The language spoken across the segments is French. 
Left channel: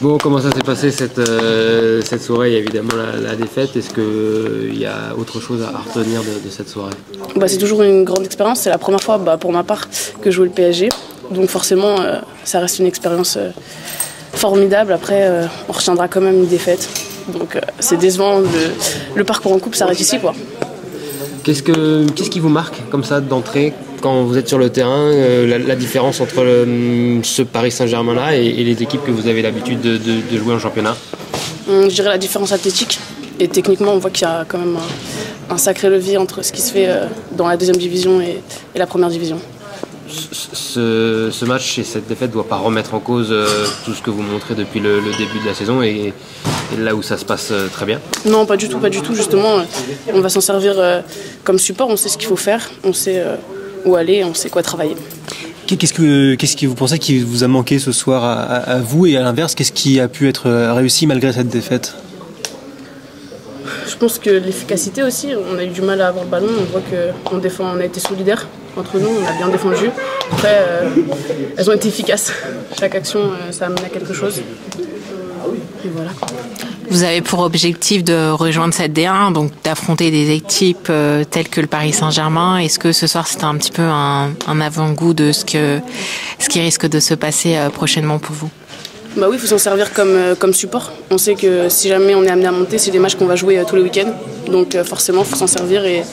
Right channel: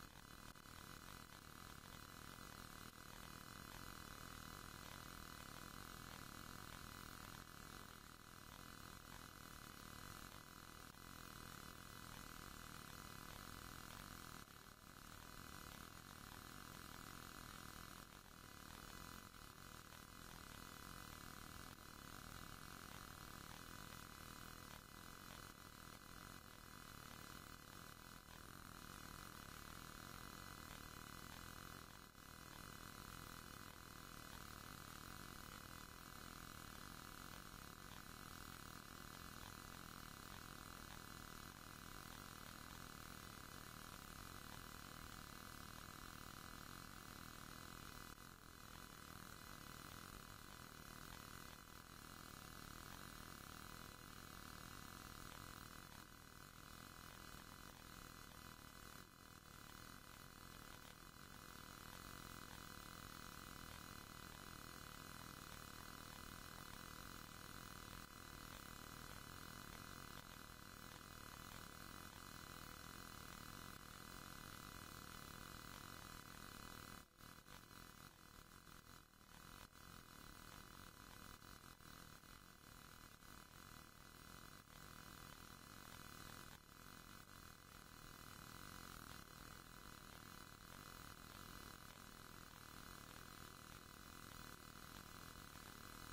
Bon, comment ça s'est passé cette soirée? Il y a évidemment la défaite. Est-ce qu'il y a autre chose à retenir de cette soirée? C'est toujours une grande expérience. C'est la première fois pour ma part que je joue le PSG. Donc forcément, ça reste une expérience formidable. Après, on retiendra quand même une défaite. Donc c'est décevant. Le parcours en coupe s'arrête ici, quoi. Qu'est-ce qui vous marque comme ça d'entrée quand vous êtes sur le terrain, la différence entre ce Paris Saint-Germain-là et les équipes que vous avez l'habitude de jouer en championnat? Je dirais la différence athlétique. Et techniquement, on voit qu'il y a quand même un sacré levier entre ce qui se fait dans la deuxième division et la première division. Ce match et cette défaite ne doit pas remettre en cause tout ce que vous montrez depuis le début de la saison et là où ça se passe très bien? Non, pas du tout. Justement, on va s'en servir comme support. On sait ce qu'il faut faire, on sait où aller, on sait quoi travailler. Qu'est-ce que vous pensez qui vous a manqué ce soir à vous, et à l'inverse, qu'est-ce qui a pu être réussi malgré cette défaite? Je pense que l'efficacité aussi, on a eu du mal à avoir le ballon, on voit on a été solidaires entre nous, on a bien défendu. Après, elles ont été efficaces. Chaque action, ça a amené à quelque chose. Et voilà. Vous avez pour objectif de rejoindre cette D1, donc d'affronter des équipes telles que le Paris Saint-Germain. Est-ce que ce soir c'était un petit peu un avant-goût de ce qui risque de se passer prochainement pour vous? Oui, il faut s'en servir comme support. On sait que si jamais on est amené à monter, c'est des matchs qu'on va jouer tous les week-ends. Donc forcément, il faut s'en servir et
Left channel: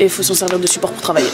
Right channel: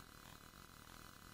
il faut s'en servir de support pour travailler.